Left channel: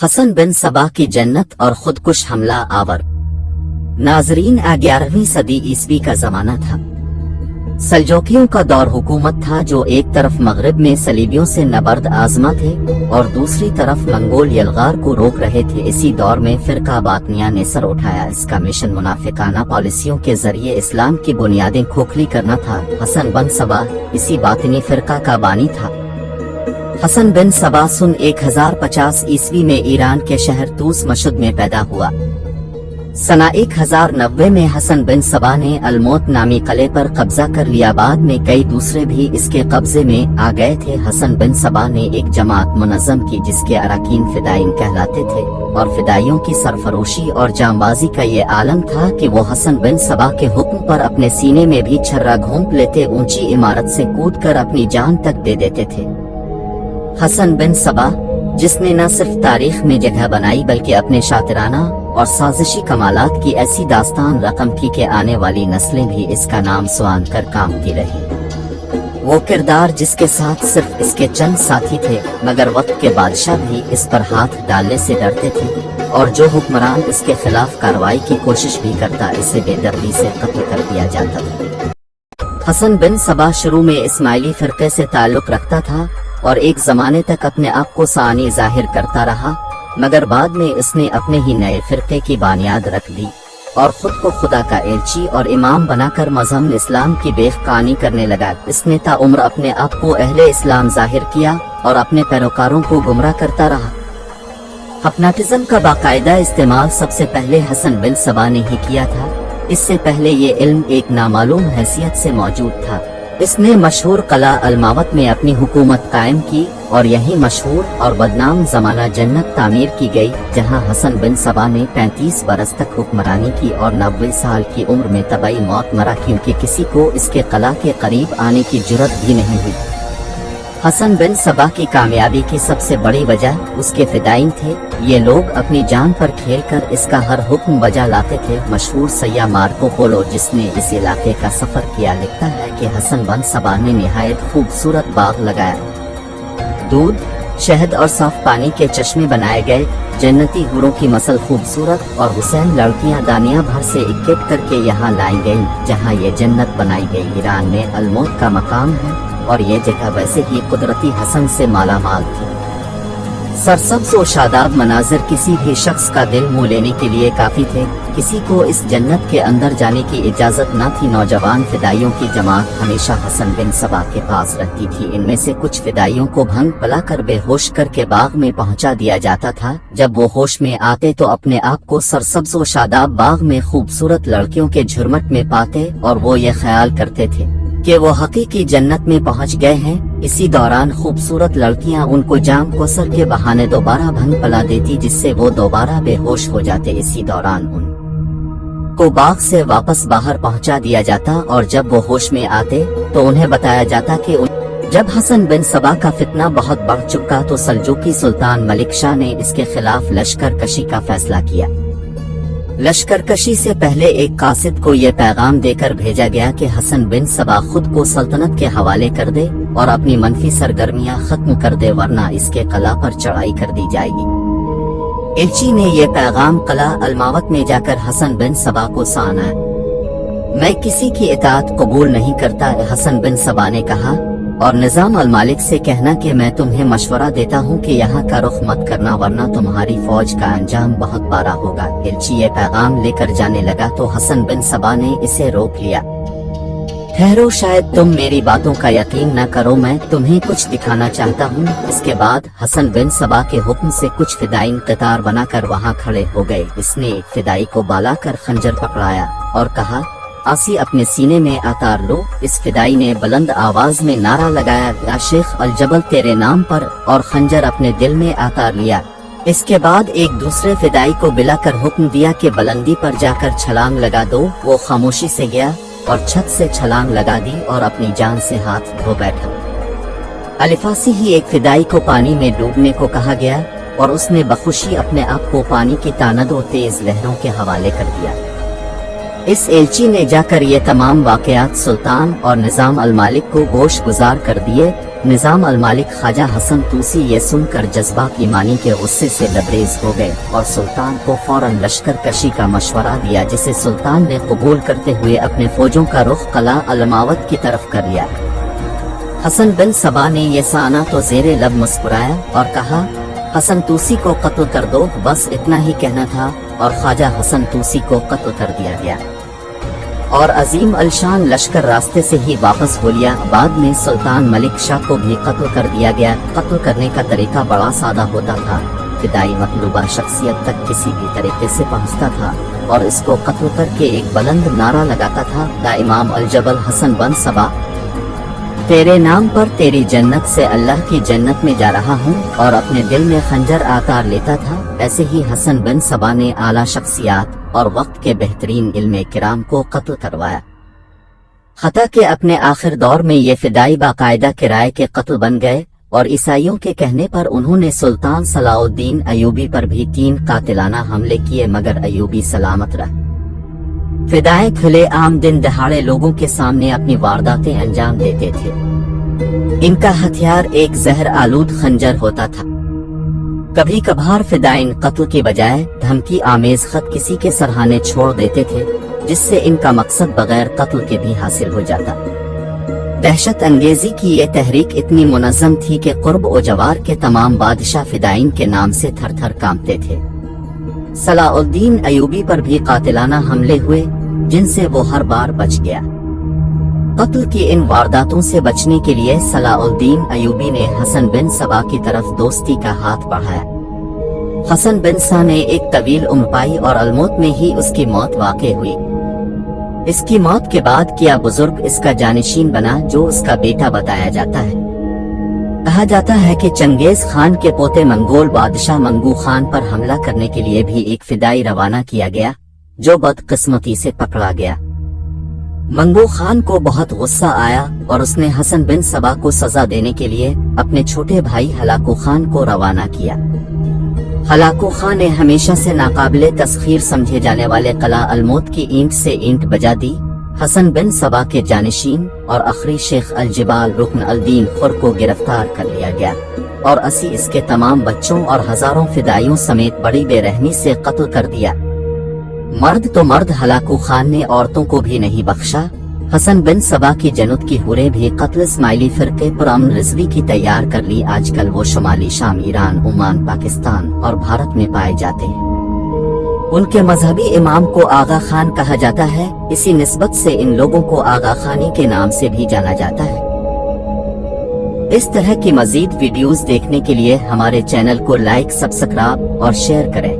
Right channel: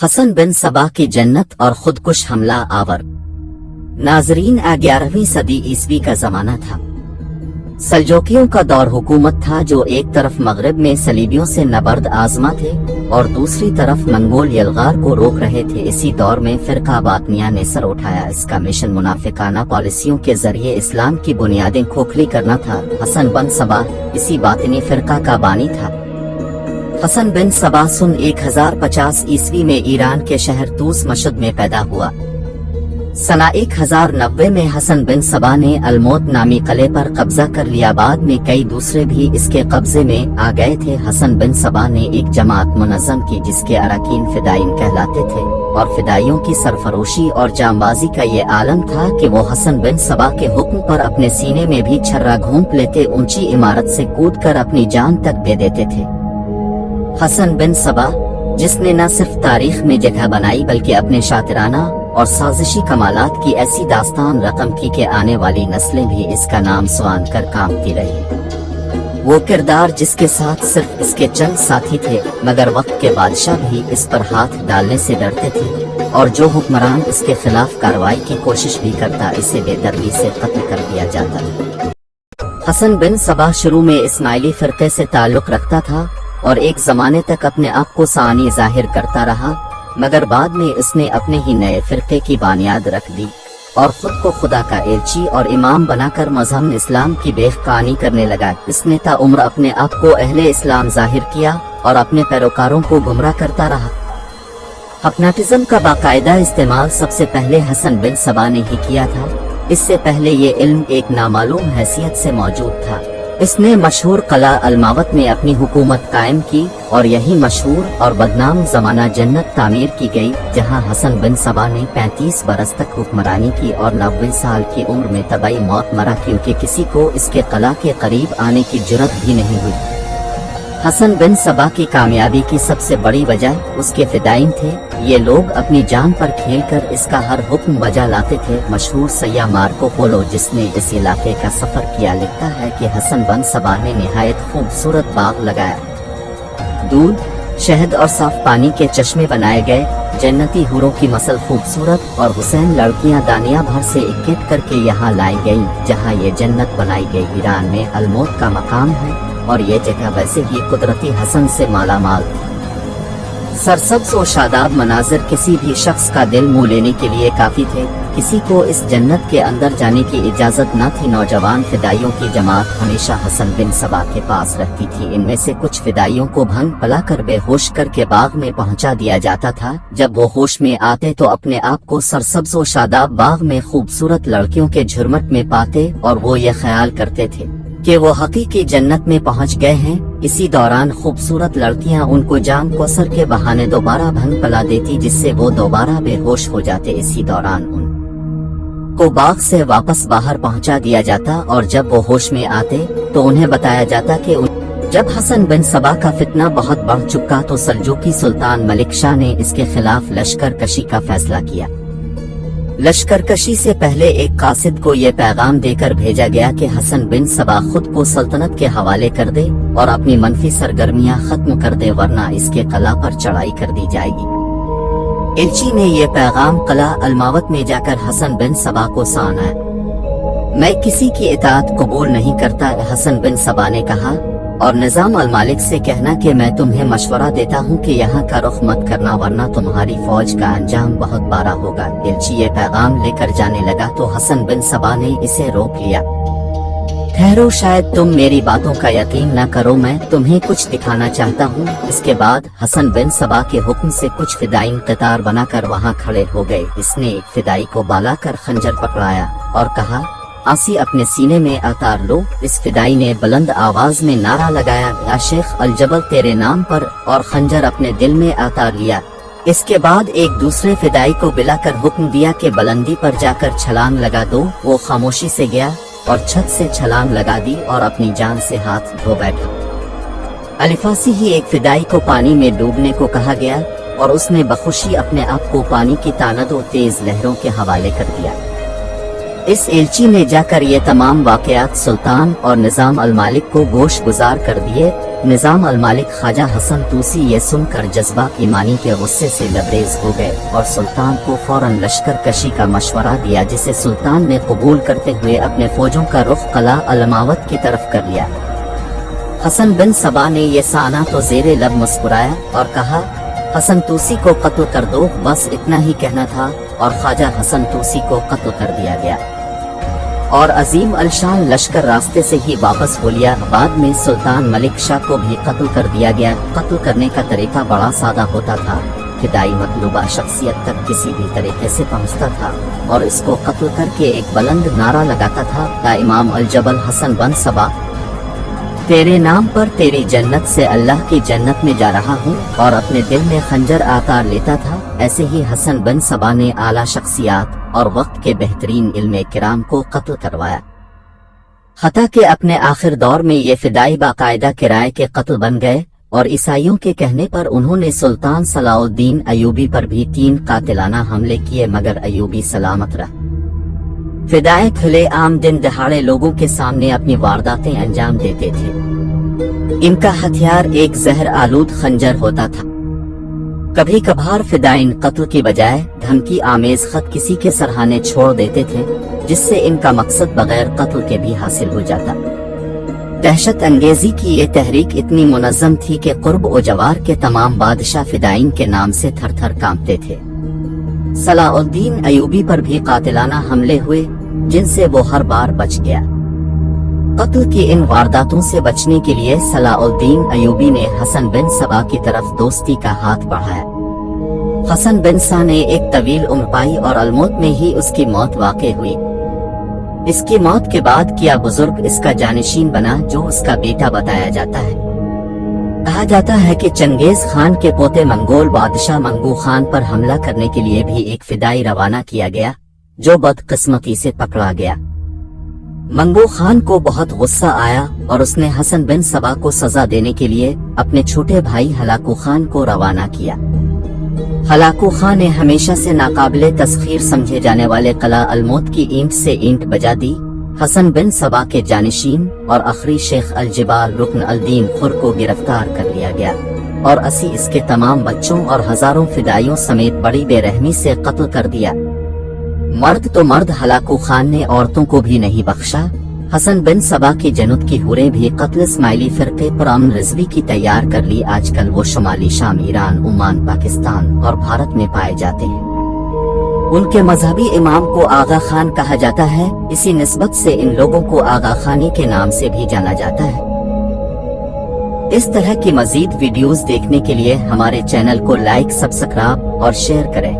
हसन बिन सबा की जन्नत और खुदकुश हमला आवर। नाजरीन, 11वीं सदी ईस्वी का जमाना था। सल्जोकियों का दौर हुकूमत था जो एक तरफ मगरिब में सलीबियों से नबर्द आजमा थे और दूसरी तरफ मंगोल यलगार को रोक रहे थे। इसी दौर में फिरका बातनिया ने सर उठाया। इसका मिशन मुनाफिकाना पॉलिसियों के जरिए इस्लाम की बुनियादें खोखली करना था। हसन बिन सबा इसी बातनी फिरका का बानी था। हसन बिन सबा सन 1050 ईस्वी में ईरान के शहर तूस मशद में पैदा हुआ। सना 1090 में हसन बिन सबा ने अलमौत नामी किले पर कब्जा कर लिया। बाद में कई दूसरे भी इसके कब्जे में आ गए थे। हसन बिन सबा ने एक जमात मुनज़्ज़म की जिसके अराकीन फिदाइन कहलाते थे और फिदाइयों की सरफरोशी और जांबाजी का ये आलम था कि वो हसन बिन सबा के हुक्म पर अपने सीने में भी छर्रा घोंप लेते, ऊंची इमारत से कूदकर अपनी जान तक दे देते थे। हसन बिन सबा जिसने न सिर्फ तारीख में जगह बनाई बल्कि अपने शातिराना और साजिशी कमालात की ऐसी दास्तान रकम की कि आने वाली नस्लें भी इसका नाम सुआन कर कामती रही। वो किरदार जिसके साथ सिर्फ इसके चंद साथी थे मगर वक्त के बादशाह भी इस पर हाथ डालने से डरते थे और जो हुक्मरान इसके खिलाफ कार्रवाई की कोशिश भी करता इसे बेदर्दी से कत्ल कर दिया जाता। हसन बिन सबा शुरू में इस्माइली फिरके से ताल्लुक रखता था और एक जमाने तक अपने आप को सानी जाहिर करता रहा, मगर बाद में इसने अपने ही नए फिरके की बुनियाद रख दी और खुद को खुदा का एलची और इमाम बनाकर मज़हब इस्लाम की बेखकानी करने लगा। इसने ताउम्र अपने आप को अहले इस्लाम जाहिर किया और अपने पैरोकारों को गुमराह करता रहा। हिप्नोटिज्म का बाकायदा इस्तेमाल सबसे पहले हसन बिन सबा ने ही किया था। इससे पहले ये इल्म एक नामालूम हैसियत से मौजूद था। इसने मशहूर कला अलमावत में अपनी हुकूमत कायम की और यही मशहूर और बदनाम जमाना जन्नत तामीर की गई, जहां हसन बिन सबा ने 35 बरस तक हुक्मरानी की और 90 साल की उम्र में तबाही मौत मरा, क्योंकि किसी को इसके कला के करीब आने की जुर्रत भी नहीं हुई। हसन बिन सबा की कामयाबी की सबसे बड़ी वजह उसके फिदाइन थे। ये लोग अपनी जान पर खेलकर इसका हर हुक्म बजा लाते थे। मशहूर सैयाह मार्को पोलो जिसने इस इलाके का सफर किया लिखता है कि हसन बिन सबा ने निहायत खूबसूरत बाग लगाया, दूध, शहद और साफ पानी के चश्मे बनाए गए, जन्नती हूरों की मसल खूबसूरत और हुसैन लड़कियां दानिया भर से इकट्ठा करके यहाँ लाई गई जहाँ ये जन्नत बनाई गई। ईरान में अलमौत का मकाम है और ये जगह वैसे ही कुदरती हसन से मालामाल थी। सरसब्ज़ व शादाब मनाजिर किसी भी शख्स का दिल मोह लेने के लिए काफी थे। किसी को इस जन्नत के अंदर जाने की इजाजत न थी। नौजवान फिदाइयों की जमात हमेशा हसन बिन सबा के पास रहती थी। इनमें से कुछ फिदाइयों को भंग पलाकर बेहोश करके बाग में पहुंचा दिया जाता था। जब वो होश में आते तो अपने आप को सरसब्ज़ व शादाब बाग में खूबसूरत लड़कियों के झुरमट में पाते और वो ये ख्याल करते थे कि वो हकीकी जन्नत में पहुंच गए हैं। इसी दौरान खूबसूरत लड़कियां उनको जाम कोसर के बहाने दोबारा भंग पला देती, जिससे वो दोबारा बेहोश हो जाते। इसी दौरान उनको बाग से वापस बाहर पहुंचा दिया जाता और जब वो होश में आते तो उन्हें बताया जाता कि जब हसन बिन सबा का फितना बहुत बढ़ चुका तो सल्जूकी सुल्तान मलिक शाह ने इसके खिलाफ लश्कर कशी का फैसला किया। लश्कर कशी से पहले एक कासिद को ये पैगाम देकर भेजा गया कि हसन बिन सबा खुद को सल्तनत के हवाले कर दे और अपनी मनफी सरगर्मियां खत्म कर दे, वरना इसके कला पर चढ़ाई कर दी जाएगी। एलची ने यह पैगाम कला अलमावत में जाकर हसन बिन सबा को सुनाया। मैं किसी की इताअत कबूल नहीं करता, हसन बिन सबा ने कहा, और निजाम अल मालिक से कहना कि मैं तुम्हें मशवरा देता हूँ कि यहाँ का रुख मत करना वरना तुम्हारी फौज का अंजाम बहुत बारा होगा। एलची ये पैगाम लेकर जाने लगा तो हसन बिन सबा ने इसे रोक लिया। ठहरो, शायद तुम मेरी बातों का यकीन न करो, मैं तुम्हें कुछ दिखाना चाहता हूँ। इसके बाद हसन बिन सबा के हुक्म से कुछ फिदाइन कतार बनाकर वहाँ खड़े हो गए। इसने एक फिदाई को बाला कर खंजर पकड़ाया और कहा, आसी अपने सीने में अतार लो। इस फिदाई ने बुलंद आवाज में नारा लगाया, या शेख अल जबल तेरे नाम पर, और खंजर अपने दिल में अतार लिया। इसके बाद एक दूसरे फिदाई को बिलाकर हुक्म दिया कि बुलंदी पर जाकर छलांग लगा दो। वो खामोशी से गया और छत से छलांग लगा दी और अपनी जान से हाथ धो बैठा। अलिफासी ही एक फिदाई को पानी में डूबने को कहा गया और उसने बखुशी अपने आप को पानी की तानदो तेज लहरों के हवाले कर दिया। इस एलची ने जाकर ये तमाम वाकयात सुल्तान और निजाम अल मालिक को गोश गुजार कर दिए نظام المالک خواجہ حسن توسی یہ سن کر جذبہ ایمانی کے غصے سے لبریز ہو گئے اور سلطان کو فوراً لشکر کشی کا مشورہ دیا، جسے سلطان نے قبول کرتے ہوئے اپنے فوجوں کا رخ قلعہ الماوت کی طرف کر لیا۔ حسن بن صبا نے یہ سانا تو زیر لب مسکرایا اور کہا، حسن توسی کو قتل کر دو، بس اتنا ہی کہنا تھا، اور خواجہ حسن توسی کو قتل کر دیا گیا اور عظیم الشان لشکر راستے سے ہی واپس ہو لیا۔ بعد میں سلطان ملک شاہ کو بھی قتل کر دیا گیا۔ قتل کرنے کا طریقہ بڑا سادہ ہوتا تھا، فدائی مطلوبہ شخصیت تک کسی بھی طریقے سے پہنچتا تھا اور اس کو قتل کر کے ایک بلند نعرہ لگاتا تھا، یا امام الجبل حسن بن صبا، تیرے نام پر تیری جنت سے اللہ کی جنت میں جا رہا ہوں، اور اپنے دل میں خنجر آکار لیتا تھا۔ ایسے ہی حسن بن صبا نے اعلیٰ شخصیات اور وقت کے بہترین علم کرام کو قتل کروایا، حتیٰ کہ اپنے آخر دور میں یہ فدائی باقاعدہ کرائے کے قتل بن گئے، اور عیسائیوں کے کہنے پر انہوں نے سلطان صلاح الدین ایوبی پر بھی 3 قاتلانہ حملے کیے، مگر ایوبی سلامت رہا۔ فدائے کھلے عام دن دہاڑے لوگوں کے سامنے اپنی وارداتیں انجام دیتے تھے۔ ان کا ہتھیار ایک زہر آلود خنجر ہوتا تھا۔ کبھی کبھار فدائین قتل کی بجائے دھمکی آمیز خط کسی کے سرہانے چھوڑ دیتے تھے، جس سے ان کا مقصد بغیر قتل کے بھی حاصل ہو جاتا۔ دہشت انگیزی کی یہ تحریک اتنی منظم تھی کہ قرب و جوار کے تمام بادشاہ فدائین کے نام سے تھر تھر کانپتے تھے۔ صلاح الدین ایوبی پر بھی قاتلانہ حملے ہوئے، جن سے وہ ہر بار بچ گیا۔ قتل کی ان وارداتوں سے بچنے کے لیے صلاح الدین ایوبی نے حسن بن صبا کی طرف دوستی کا ہاتھ بڑھایا۔ حسن بن صبا نے ایک طویل عمر پائی اور الموت میں ہی اس کی موت واقع ہوئی۔ اس کی موت کے بعد کیا بزرگ اس کا جانشین بنا، جو اس کا بیٹا بتایا جاتا ہے۔ کہا جاتا ہے کہ چنگیز خان کے پوتے منگول بادشاہ منگو خان پر حملہ کرنے کے لیے بھی ایک فدائی روانہ کیا گیا، جو بدقسمتی سے پکڑا گیا۔ منگو خان کو بہت غصہ آیا اور اس نے حسن بن صبا کو سزا دینے کے لیے اپنے چھوٹے بھائی ہلاکو خان کو روانہ کیا۔ ہلاکو خان نے ہمیشہ سے ناقابل تسخیر سمجھے جانے والے قلعہ الموت کی اینٹ سے اینٹ بجا دی۔ حسن بن صبا کے جانشین اور اخری شیخ الجبال رکن الدین خور کو گرفتار کر لیا گیا اور 80 اس کے تمام بچوں اور ہزاروں فدائیوں سمیت بڑی بے رحمی سے قتل کر دیا۔ مرد تو مرد، ہلاکو خان نے عورتوں کو بھی نہیں بخشا۔ حسن بن صبا کی جنود کی حوریں بھی قتل اسماعیلی فرقے پر امن رضوی کی تیار کر لی۔ آج کل وہ شمالی شام، ایران، عمان، پاکستان اور بھارت میں پائے جاتے ہیں۔ ان کے مذہبی امام کو آغا خان کہا جاتا ہے، اسی نسبت سے ان لوگوں کو آغا خانی کے نام سے بھی جانا جاتا ہے۔ اس طرح کی مزید ویڈیوز دیکھنے کے لیے ہمارے چینل کو لائک، سبسکرائب اور شیئر کریں۔